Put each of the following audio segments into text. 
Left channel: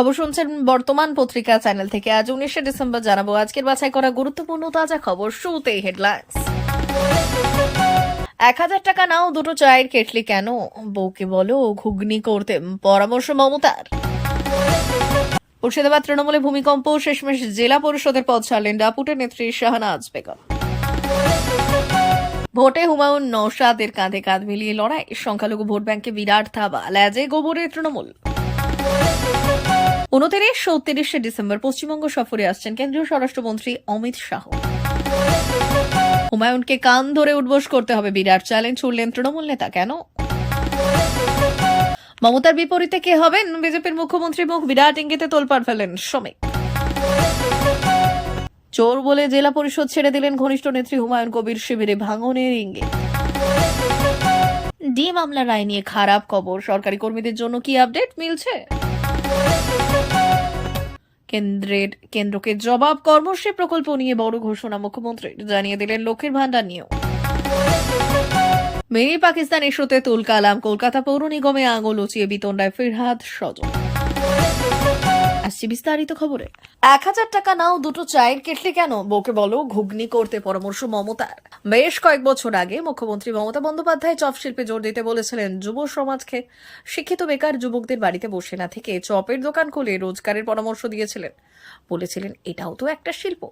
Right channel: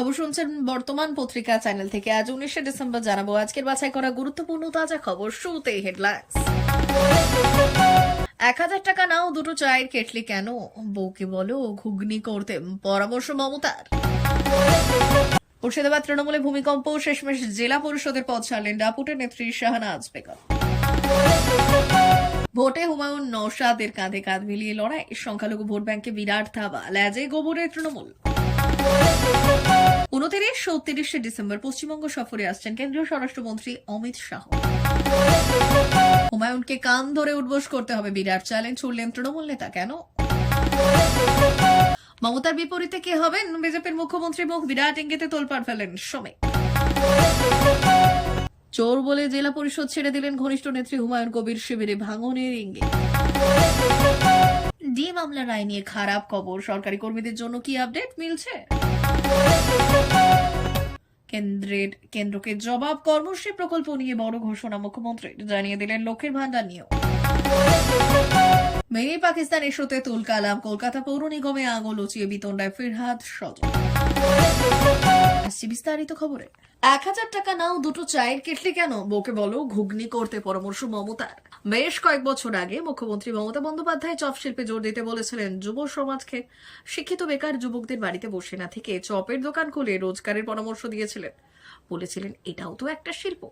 খবর শুনছেন বর্তমান পত্রিকা চ্যানেল থেকে। আজ উনিশে ডিসেম্বর জানাব, আজকের বাছাই করা গুরুত্বপূর্ণ তাজা খবর। শুরুতেই হেডলাইন্স এক হাজার টাকা নাও, দুটো চায়ের কেটলি কেন? বউকে বলো, ঘুগনি করতে পরামর্শ মমতার। মুর্শিদাবাদ তৃণমূলে ভূমিকম্প, শেষমেশ জেলা পরিষদের পদ ছাড়লেন ডাপুটের নেত্রী শাহনাজ বেগম। ভোটে হুমায়ুন নৌসাদের কাঁধে কাঁধ মিলিয়ে লড়াই, সংখ্যালঘু ভোট ব্যাংকে বিরাট থাবা ল্যাজে গোবরে তৃণমূল। উনত্রিশ ও তিরিশে ডিসেম্বর পশ্চিমবঙ্গ সফরে আসছেন কেন্দ্রীয় স্বরাষ্ট্রমন্ত্রী অমিত শাহ। হুমায়ুনকে কান ধরে উঠবোস করতে হবে বিরাট চ্যালেঞ্জ ছুড়লেন তৃণমূল নেতা কেন? মমতার বিপরীতে কে হবেন? বিজেপির মুখ্যমন্ত্রী মুখ বিরাট ইঙ্গিতে তোলপাড় ফেলেন শ্রমিক। চোর বলে জেলা পরিষদ ছেড়ে দিলেন ঘনিষ্ঠ নেত্রী হুমায়ুন কবির শিবিরে ভাঙনের ইঙ্গিত। ডি মামলা রায় নিয়ে খারাপ খবর। সরকারি কর্মীদের জন্য কি আপডেট? মিলছে? কেন্দ্রের, কেন্দ্রকে জবাব কর্মশ্রী প্রকল্প নিয়ে বড় ঘোষণা মুখ্যমন্ত্রী জানিয়ে দিলেন লক্ষ্মীর ভাণ্ডার নিয়েও মেয়ে পাকিস্তান ইস্যুতে তুল কালাম কলকাতা পৌর নিগমে আঙুল উচিয়ে বিতণ্ডায় ফিরহাদ সজল। আসছি বিস্তারিত খবরে। এক হাজার টাকা নাও, দুটো চায়ের কেটলি কেন? বউকে বলো, ঘুগনি করতে পরামর্শ মমতার। বেশ কয়েক বছর আগে মুখ্যমন্ত্রী মমতা বন্দ্যোপাধ্যায় চপ শিল্পে জোর দিতে বলেছিলেন, যুব সমাজকে শিক্ষিত বেকার যুবকদের বাড়িতে বসে না থেকে চপের দোকান খুলে রোজগারের পরামর্শ দিয়েছিলেন। বলেছিলেন, এটাও তো একটা শিল্প।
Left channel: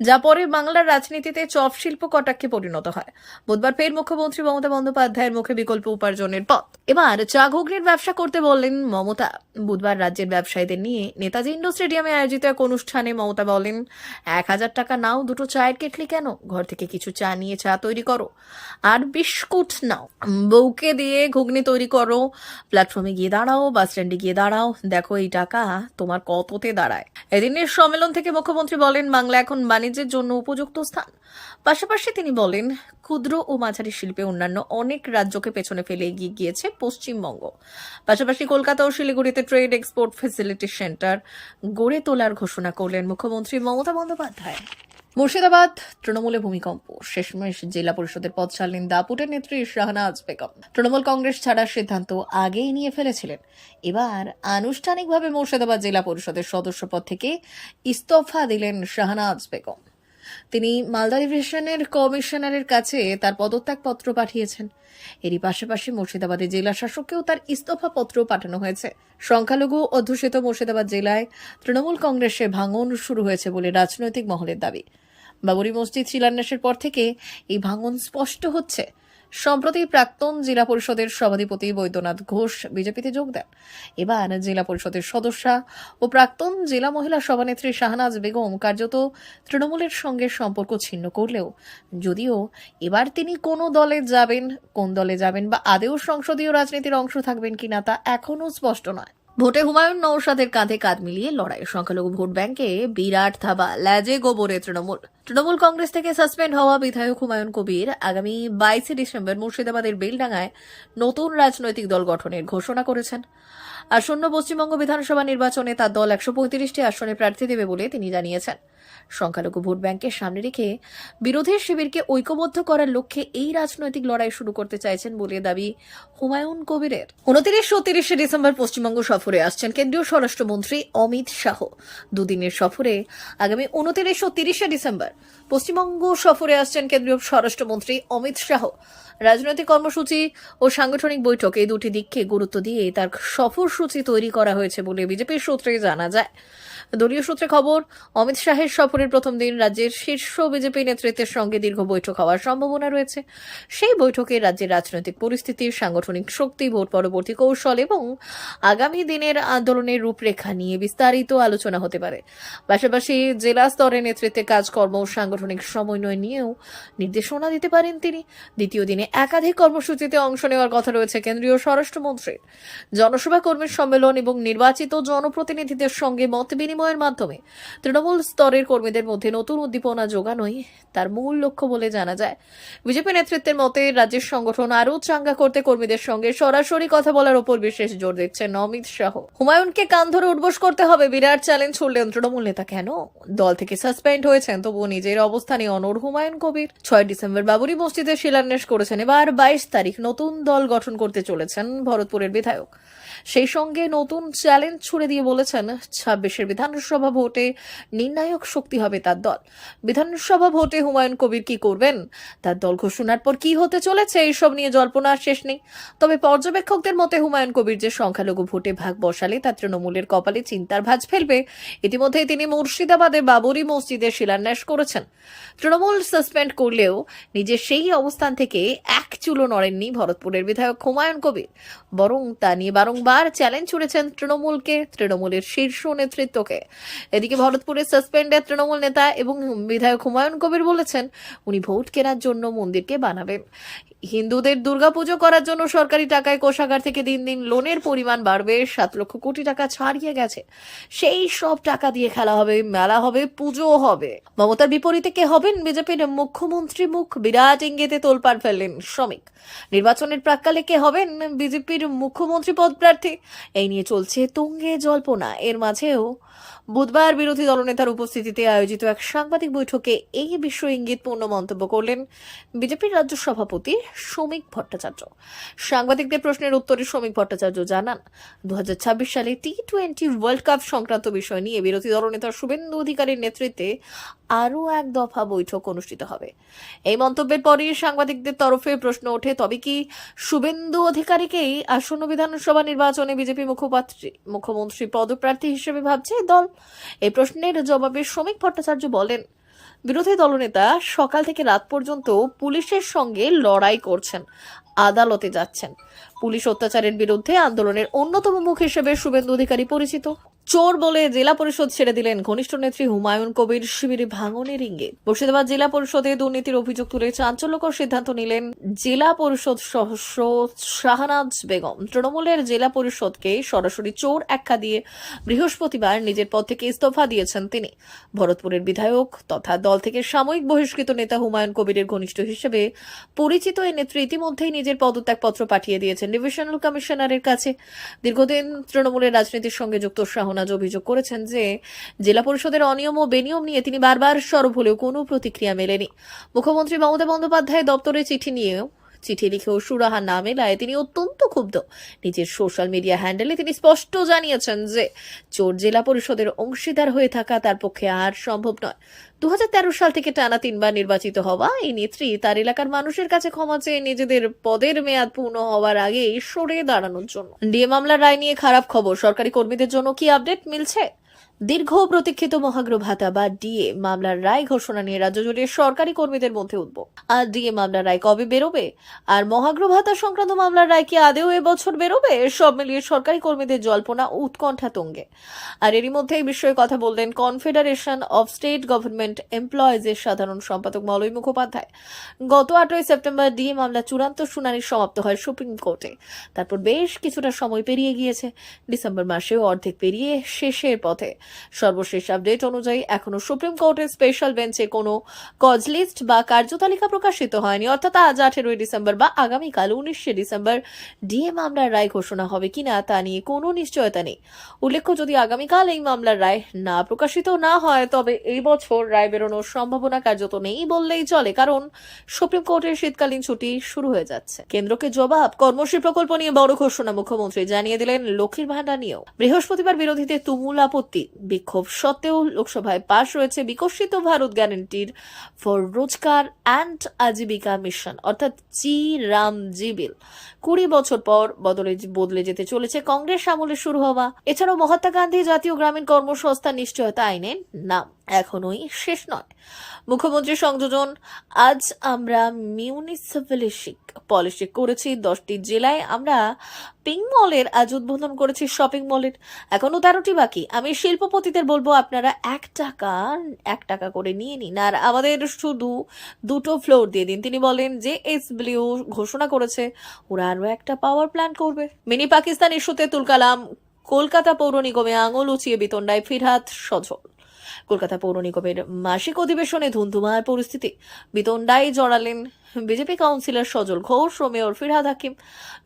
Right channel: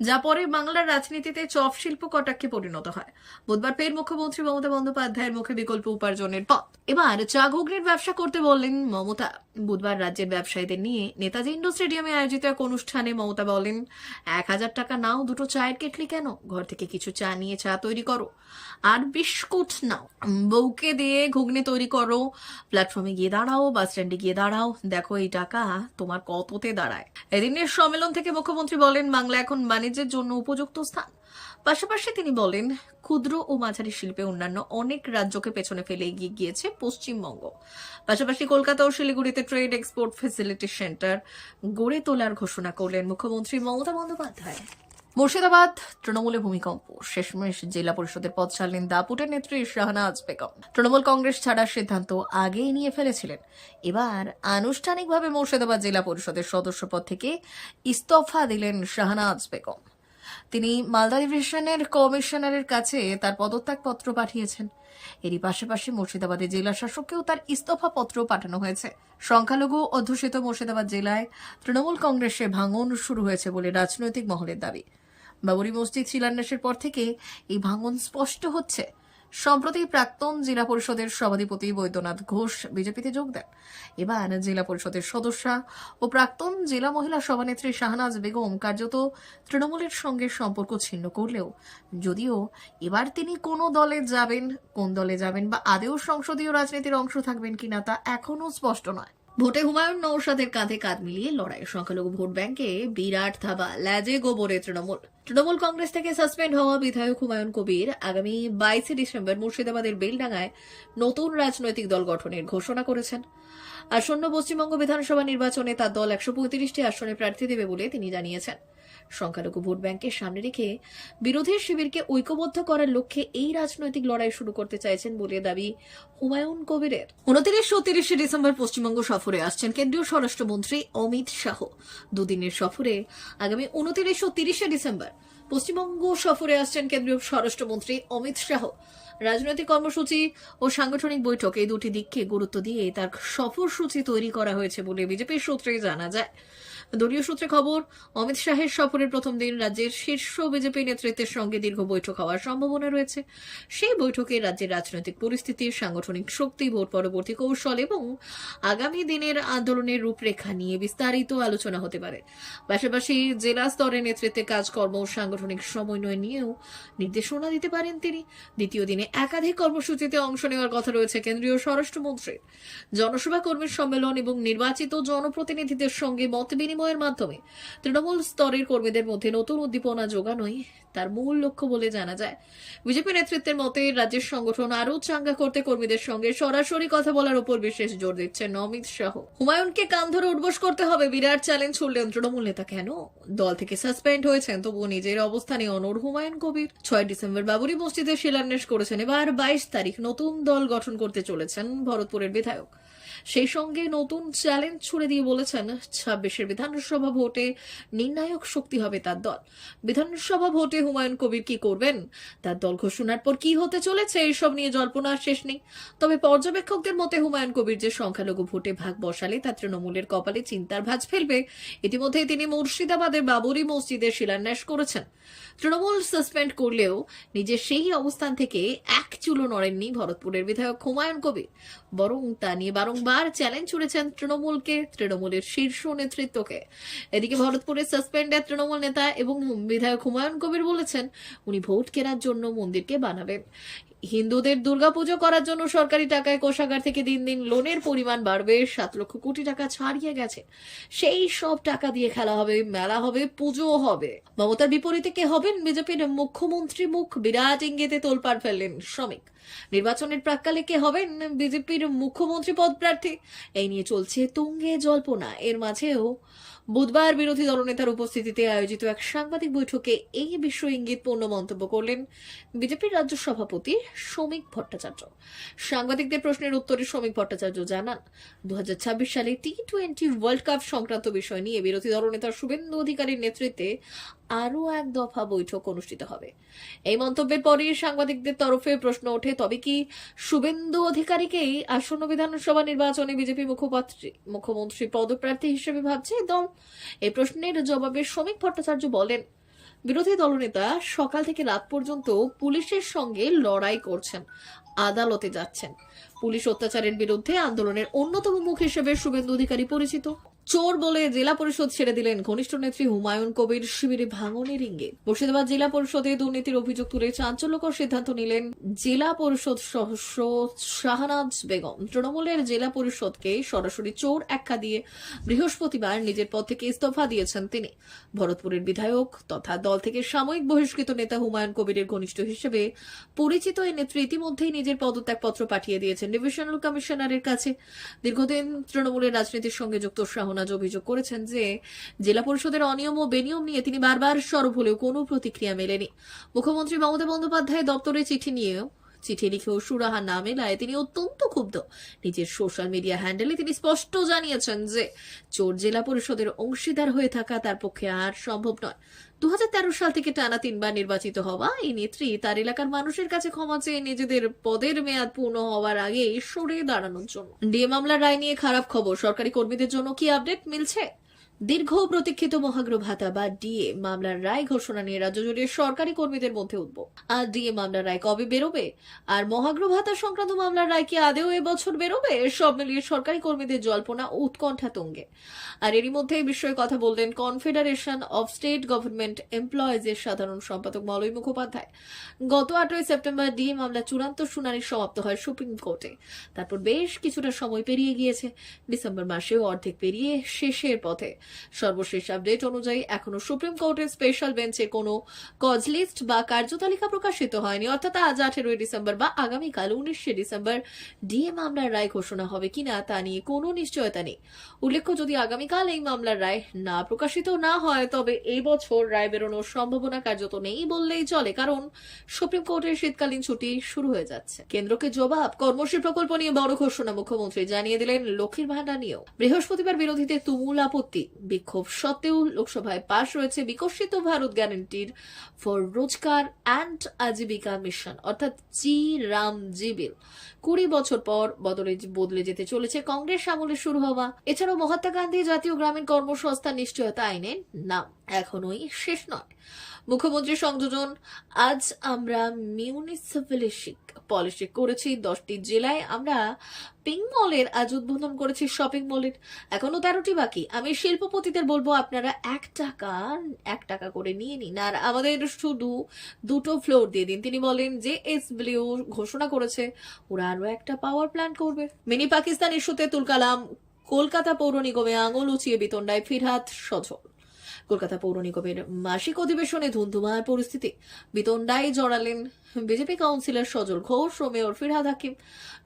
যা পরে বাংলার রাজনীতিতে চপ শিল্প কটাক্ষে পরিণত হয়। বুধবার ফের মুখ্যমন্ত্রী মমতা বন্দ্যোপাধ্যায়ের মুখে বিকল্প উপার্জনের পথ। এবার চা ঘুগনির ব্যবসা করতে বললেন মমতা। বুধবার রাজ্যের ব্যবসায়ীদের নিয়ে নেতাজি ইন্ডো স্টেডিয়ামে আয়োজিত এক অনুষ্ঠানে মমতা বলেন, এক হাজার টাকা নাও, দুটো চায়ের কেটলি কেন? ঘর থেকে কিছু চা নিয়ে চা তৈরি করো। আর বিস্কুট নাও। বউকে দিয়ে ঘুগনি তৈরি করো। প্ল্যাটফর্মে গিয়ে দাঁড়াও, বাস স্ট্যান্ডে গিয়ে দাঁড়াও। দেখো এই টাকা তোমার কততে দাঁড়ায়? এদিনের সম্মেলন থেকে মুখ্যমন্ত্রী বলেন, বাংলা এখন বাণিজ্যের জন্য উপযুক্ত স্থান। পাশাপাশি তিনি বলেন, ক্ষুদ্র ও মাঝারি শিল্পে অন্যান্য অনেক রাজ্যকে পেছনে ফেলে এগিয়ে গিয়েছে পশ্চিমবঙ্গ। পাশাপাশি কলকাতা ও শিলিগুড়িতে ট্রেড এক্সপোর্ট ফেসিলিটি সেন্টার গড়ে তোলার ঘোষণা করলেন মুখ্যমন্ত্রী মমতা বন্দ্যোপাধ্যায়। মুর্শিদাবাদ, তৃণমূলে ভূমিকম্প, শেষমেশ জেলা পরিষদের পদ ছাড়লেন দাপুটের নেত্রী শাহনাজ বেগম। তৃণমূল কংগ্রেস ছাড়ার সিদ্ধান্ত আগেই নিয়ে ফেলেছিলেন। এবার আনুষ্ঠানিকভাবে মুর্শিদাবাদ জেলা পরিষদের সদস্য পদ থেকে ইস্তফা দিলেন শাহনাজ বেগম। তিনি মালদা ডিভিশনের কমিশনারের কাছে তার পদত্যাগপত্র পাঠিয়েছেন। এরই পাশাপাশি মুর্শিদাবাদের জেলা শাসককেও তার ইস্তফা পত্র পাঠানো হয়েছে। সংখ্যালঘু অধ্যুষিত মুর্শিদাবাদ জেলায় তৃণমূল কংগ্রেসে ভাঙন শুরু হয়েছে বলে রাজনৈতিক মহলের দাবি। বাবরি মসজিদ শিলান্যাসের পর থেকে এই ভাঙন স্পষ্ট হচ্ছে। সম্প্রতি প্রাক্তন জেলা পরিষদের সভাধিপতি বৈদ্যনাথ ঘোষ বিজেপিতে যোগ দেন। এবার জেলা পরিষদের সদস্যা ও প্রাক্তন জেলা মহিলা সভানেত্রী শাহনাজ বেগম কার্যত তৃণমূলের সঙ্গে সম্পর্ক ছিন্ন করলেও, যদিও এবার তিনি কোন দলে যাবেন, কোন দলে যাবেন বা আদেও সংসদীয় রাজনীতির অংশ থাকবেন কিনা তা এখনও স্পষ্ট নয়। ভোটে হুমায়ুন নৌসাদের কাঁধে কাঁধ মিলিয়ে লড়াই। সংখ্যালঘু ভোট ব্যাংকে বিরাট থাবা ল্যাজে গোবরে তৃণমূল। তৃণমূল কংগ্রেস থেকে সাসপেন্ড হওয়া বিধায়ক হুমায়ুন কবির আগামী বাইশে ডিসেম্বর মুর্শিদাবাদের বেলডাঙ্গায় নতুন রাজনৈতিক দল গঠনের ঘোষণা করেছেন। আসন্ন পশ্চিমবঙ্গ বিধানসভা নির্বাচনে তার দল একশো পঁয়ত্রিশটি আসনে প্রার্থী দেবে বলে তিনি জানিয়েছেন। সংখ্যালঘু ভোট ব্যাংকের সামনে রেখে বিরোধী শিবিরকে ঐক্যবদ্ধ করার লক্ষ্যে এই রাজনৈতিক লড়াই শুরু করতে চাইছেন বলে দাবি হুমায়ুন কবিরের। উনত্রিশ ও তিরিশে ডিসেম্বর পশ্চিমবঙ্গ সফরে আসছেন কেন্দ্রীয় স্বরাষ্ট্রমন্ত্রী অমিত শাহ। দুদিনের সফরে আগামী উনত্রিশ ও তিরিশে ডিসেম্বর পশ্চিমবঙ্গ সফরে আসছেন কেন্দ্রীয় স্বরাষ্ট্রমন্ত্রী অমিত শাহ। রাজনৈতিক কর্মসূচি ও সাংগঠনিক বৈঠক এই দুটি দিককে গুরুত্ব দিয়ে তার সফরসূচি তৈরি করা হয়েছে বলে বিজেপির সূত্রে জানা যায়। দলীয় সূত্রে খবর, অমিত শাহের সফরের প্রথম দিন রাজ্যের শীর্ষ বিজেপি নেতৃত্বের সঙ্গে দীর্ঘ বৈঠক হওয়ার সম্ভাবনা রয়েছে। সেই বৈঠকে রাজ্যের রাজনৈতিক পরিস্থিতির সাংগঠনিক শক্তি, ভোট পরবর্তী কৌশল এবং আগামী দিনের আন্দোলনের রূপরেখা নিয়ে বিস্তারিত আলোচনা হতে পারে। পাশাপাশি জেলা স্তরে নেতৃত্বে কাজকর্ম ও সাংগঠনিক সমন্বয় নিয়েও নির্দেশনা দিতে পারেন তিনি। দ্বিতীয় দিনে একাধিক কর্মসূচিতে অংশ নেওয়ার কথা রয়েছে কেন্দ্রীয় স্বরাষ্ট্রমন্ত্রীর। জনসভা কর্মীর সম্মেলন এবং নির্বাচিত জনপ্রতিনিধিদের সঙ্গে মত বিনিময়ের মাধ্যমে। তৃণমূল স্তরের কর্মীদের মধ্যে নতুন উদ্দীপনা যোগানোই তার মূল লক্ষ্য বলে জানা যায়। বিজেপি নেতৃত্বের মতে, রাজ্যের সংগঠন আরও চাঙ্গা করতে কর্মীদের সঙ্গে সরাসরি কথা বলার উপর বিশেষ জোর দিচ্ছেন অমিত শাহ। হুমায়ুনকে কান ধরে উঠবোস করতে হবে, বিরাট চ্যালেঞ্জ ছুড়লেন তৃণমূল নেতা কেন? দল থেকে সাসপেন্ড হয়েছেন, তবুও নিজের অবস্থানে অনড় হুমায়ুন কবির। ছয় ডিসেম্বর বাবরি মসজিদে শিলান্যাস করেছেন, এবার বাইশ তারিখ নতুন দল গঠন করতে চলেছেন ভরতপুরের বিধায়ক। সেই সঙ্গে নতুন চ্যালেঞ্জ ছুড়ে দিয়ে বলেছেন ছাব্বিশের বিধানসভা ভোটে নির্ণায়ক শক্তি হবে তার দল। বিধানসভা ভোটে হুমায়ুন কবির কি করবেন? তার দল ঘোষণার পর কি হতে চলেছে? এইসব নিয়ে জল্পনার শেষ নেই। তবে পর্যবেক্ষকদের মতে হুমায়ুন কবির যে সংখ্যালঘু ভোটে ভাগ বসালে তা তৃণমূলের কপালে চিন্তার ভাঁজ ফেলবে। ইতিমধ্যেই তিনি মুর্শিদাবাদে বাবরি মসজিদের শিলান্যাস করেছেন। তৃণমূল সাসপেন্ড করলেও নিজের সেই অবস্থান থেকে এক চুলো নড়েননি ভরতপুরের বিধায়ক হুমায়ুন কবির। বরং তা নিয়ে বারংবার চ্যালেঞ্জ ছুড়েছেন তৃণমূলকে, তৃণমূলের শীর্ষ নেতৃত্বকে। এদিকে ভরতপুরে সাসপেন্ডের তৃণমূল নেতা এবং বিধায়ক হুমায়ুন কবির বলেছেন, উনি ভোট কেনার জন্য মন্দিরকে বানাবেন। হিন্দুদের দুর্গাপুজো করার জন্য সরকারি টাকায় কোষাগার থেকে দিন দিন লোনের পরিমাণ বাড়বে, সাত লক্ষ কোটি টাকা ছাড়িয়ে গেছে। সেই সব টাকা দিয়ে খেলা হবে, মেলা হবে পুজো হবে। মমতার বিপরীতে কে হবেন? বিজেপির মুখ্যমন্ত্রী মুখ বিরাট ইঙ্গিতে তোলপাড় ফেললেন শ্রমিক। নির্বাচনের প্রাককালে কে হবেন? বিজেপির মুখ্যমন্ত্রী পদ প্রার্থী এই নিয়ে চলছে তুঙ্গে জল্পনা। এর মাঝেও বুধবার বিরোধী দলনেতার উপস্থিতিতে আয়োজিত এক সাংবাদিক বৈঠকে এই বিশ্ব ইঙ্গিতপূর্ণ মন্তব্য করলেন বিজেপির রাজ্য সভাপতি শ্রমিক ভট্টাচার্য। সাংবাদিকদের প্রশ্নের উত্তরে শ্রমিক ভট্টাচার্য জানান দুই হাজার ছাব্বিশ সালে টি টোয়েন্টি ওয়ার্ল্ড কাপ সংক্রান্ত বিষয় নিয়ে বিরোধী দলনেতা শুভেন্দু অধিকারীর নেতৃত্বে আরও এক দফা বৈঠক অনুষ্ঠিত হবে। এই মন্তব্যের পরই সাংবাদিকদের তরফে প্রশ্ন ওঠে, তবে কি শুভেন্দু অধিকারীকেই আসন্ন বিধানসভা নির্বাচনে বিজেপি মুখপাত্রী মুখ্যমন্ত্রী পদপ্রার্থী হিসেবে ভাবছে? দল। এই প্রশ্নের জবাবে শ্রমিক ভট্টাচার্য বলেন, বিরোধী দলনেতা সকাল থেকে রাত পর্যন্ত পুলিশের সঙ্গে লড়াই করছেন, আদালতে যাচ্ছেন। পুলিশ অত্যাচারের বিরুদ্ধে আন্দোলনের অন্যতম মুখ হিসেবে শুভেন্দু অধিকারী পরিচিত। চোর বলে জেলা পরিষদ ছেড়ে দিলেন ঘনিষ্ঠ নেত্রী হুমায়ুন কবির শিবিরে ভাঙনের ইঙ্গিত। মুর্শিদাবাদ জেলা পরিষদে দুর্নীতির অভিযোগ তুলে চাঞ্চল্যকর সিদ্ধান্ত নিলেন জেলা পরিষদ সদস্য শাহনাজ বেগম। তৃণমূলের জেলা পরিষদকে সরাসরি চোর আখ্যা দিয়ে বৃহস্পতিবার নিজের পদ থেকে ইস্তফা দিয়েছেন তিনি। ভরতপুরের বিধায়ক তথা দল থেকে সাময়িক বহিষ্কৃত নেতা হুমায়ুন কবিরের ঘনিষ্ঠ হিসেবে পরিচিত এই নেত্রী ইতিমধ্যেই নিজের পদত্যাগপত্র পাঠিয়ে দিয়েছেন ডিভিশনাল কমিশনারের কাছে। দীর্ঘদিন তৃণমূলের রাজনীতির সঙ্গে যুক্ত শাহনাজ অভিযোগ করেছেন যে জেলা পরিষদের অনিয়ম ও বেনিয়ম নিয়ে তিনি বারবার সরব হলেও কোনো প্রতিক্রিয়া মেলেনি। মুখ্যমন্ত্রী মমতা বন্দ্যোপাধ্যায় দপ্তরে চিঠি নিয়েও চিঠি লিখেও সুরাহা না মেলায় তিনি অত্যন্ত ক্ষুব্ধ। নিজের সোশ্যাল মিডিয়া হ্যান্ডেলে তিনি স্পষ্ট জানিয়েছেন যে, চোর জেলা পরিষদের অংশীদার হয়ে থাকা তার পক্ষে আর সম্ভব নয়। দু সাল থেকে টানা তিনবার নির্বাচিত হওয়া এই নেত্রী তার এলাকার মানুষের কাছে ক্ষমা চেয়ে নিজেদের পদের মেয়াদ পূর্ণ হওয়ার আগেই সরে দাঁড়ানোর জন্য। ডিএ মামলার রায় নিয়ে খারাপ খবর। সরকারি কর্মীদের জন্য কি আপডেট মিলছে? দীর্ঘ প্রতীক্ষিত মহাগ্র ভাতা বা ডিএ মামলার রায় ঘোষণা নিয়ে রাজ্য জুড়ে সরকারি কর্মীদের মধ্যে উদ্ভব। আর ডিএ মামলার রায় কবে বেরোবে? আর মহাগ্র ভাতা সংক্রান্ত মামলার রায় কি আদেও এবছর বেরোবে? সব মিলিয়ে সরকারি কর্মীদের জল্পনা উৎকণ্ঠা তুঙ্গে। আর এরই মধ্যে এই বিষয়ে কথা বললেন confederation of state government employees এর সাধারণ সম্পাদক মলয় মুখোপাধ্যায়। গত আটই সেপ্টেম্বর ডিএ মামলা চূড়ান্ত শুনানি সমাপ্ত হয় সুপ্রিম কোর্টে। তারপর বেশ কিছুটা সময় পেরিয়ে গিয়েছে। ডিসেম্বর মাসেও অর্ধেক পেরিয়ে শেষের পথে। সর্বশেষ আপডেট অনুযায়ী এখনও সুপ্রিম কোর্টের স্পেশাল বেঞ্চে কোনো কজ লিস্ট বা কার্যতালিকা প্রকাশিত হয়নি। অর্থাৎ আজ আঠেরোই ডিসেম্বর বা আগামীকাল উনিশে ডিসেম্বর ডিএ মামলার রায় ঘোষণা হবে কিনা তা নিয়ে কোনো নিশ্চয়তা নেই। উল্লেখ্য, যদি আগামীকাল এই মামলার রায় না প্রকাশিত না হয়, তবে এই বছর রায় বেরোনোর সম্ভাবনা কার্যত নেই বললেই চলে, কারণ সুপ্রিম কোর্টের শীতকালীন ছুটি শুরু হয়ে যাচ্ছে। কেন্দ্রকে জবাব কর্মশ্রী প্রকল্প নিয়ে বড় ঘোষণা মুখ্যমন্ত্রী জানিয়ে দিলেন, লক্ষ্মীর ভান্ডার নিয়েও। বৃহস্পতিবার বিরোধীদের তুমুল আপত্তি। বিক্ষোভ সত্ত্বেও লোকসভায় পাশ হয়েছে Viksit Bharat গ্যারান্টির for Rozgar and Ajeevika mission অর্থাৎ চি রাম জি বিল। কুড়ি বছর পর বদলে বদলে যেতে চলেছে কংগ্রেস, আমলে শুরু হওয়া। এছাড়াও মহাত্মা গান্ধী জাতীয় গ্রামীণ কর্মসংস্থান নিশ্চয়তা আইনের নাম এখনোই শেষ নয়। মুখ্যমন্ত্রী সংযোজন, আজ আমরা মিউনিসিপ্যালিস্টিক পলিসি করেছি দশটি জেলায়। আমরা পিং মলের আজ উদ্বোধন করেছি শপিং মলের এখনও তেরোটি বাকি। আমি শিল্পপতিদের বলব, আপনারা এক টাকা এক টাকা করে নিয়ে নিন। আর আমাদের শুধু দুটো ফ্লোর দিয়ে দিন। তিনি বলেন যে এস ব্লিউ ঘোষণা করেছে, ওরা আরও একটা পাওয়ার প্ল্যান্ট করবে। মিনি পাকিস্তান ইস্যুতে তুলকালাম, কলকাতা পৌর নিগমে আঙুল উঁচিয়ে বিতণ্ডায় ফিরহাত সজল। কলকাতা পৌর নিগমের মাসিক অধিবেশনে ধুন্ধুমার পরিস্থিতি। বিতণ্ডায় জড়ালেন বিজেপি কাউন্সিলর সজল ঘোষ ও mayor Firhad Hakim.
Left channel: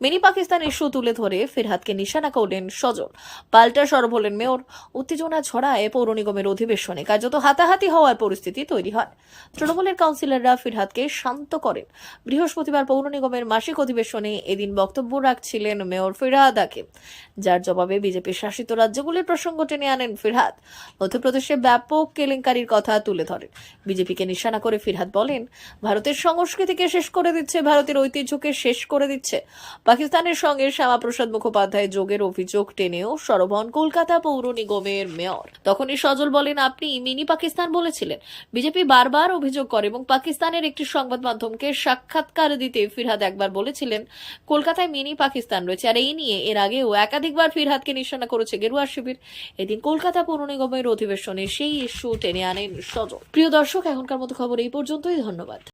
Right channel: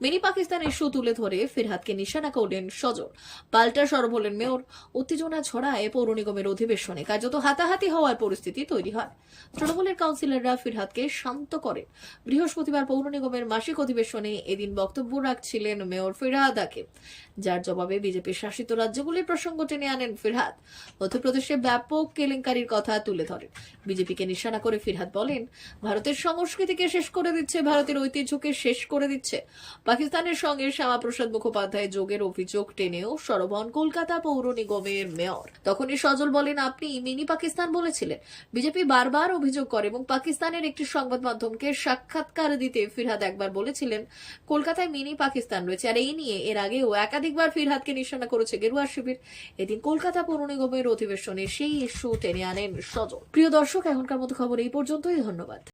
Mini Pakistan issue তুলে ধরে ফিরহাদকে নিশানা করলেন সজল। পাল্টা সরব হলেন মেয়র। উত্তেজনা ছড়ায় পৌর নিগমের অধিবেশনে কার্যত হাতাহাতি হওয়ার পরিস্থিতি তৈরি হয়। তৃণমূলের কাউন্সিলররা ফিরহাদকে শান্ত করেন। বৃহস্পতিবার পৌর নিগমের মাসিক অধিবেশনে এদিন বক্তব্য রাখছিলেন মেয়র ফিরহাদ হাকিম। যার জবাবে বিজেপি শাসিত রাজ্যগুলির প্রসঙ্গ টেনে আনেন ফিরহাদ। মধ্যপ্রদেশে ব্যাপক কেলেঙ্কারির কথা তুলে ধরেন। বিজেপিকে নিশানা করে ফিরহাদ বলেন, ভারতের সংস্কৃতিকে শেষ করে দিচ্ছে, ভারতের ঐতিহ্যকে শেষ করে দিচ্ছে। পাকিস্তানের সঙ্গে শ্যামাপ্রসাদ মুখোপাধ্যায় যোগের অভিযোগ টেনেও সরবন কলকাতা পৌর নিগমের মেয়র। তখনই সজল বলেন, আপনি মিনি পাকিস্তান বলেছিলেন। বিজেপি বারবার অভিযোগ করে এবং পাকিস্তানের একটি সংবাদ মাধ্যমকে সাক্ষাৎকার দিতে ফিরহাদ একবার বলেছিলেন, কলকাতায় মিনি পাকিস্তান রয়েছে। আর এই নিয়ে এর আগেও একাধিকবার ফিরহাদকে নিশানা করেছে গেরুয়া শিবির। এদিন কলকাতা পৌর নিগমের অধিবেশনে সেই ইস্যু টেনে আনেন সজল। প্রিয় দর্শক, এখনকার মতো খবর এই পর্যন্তই। ধন্যবাদ।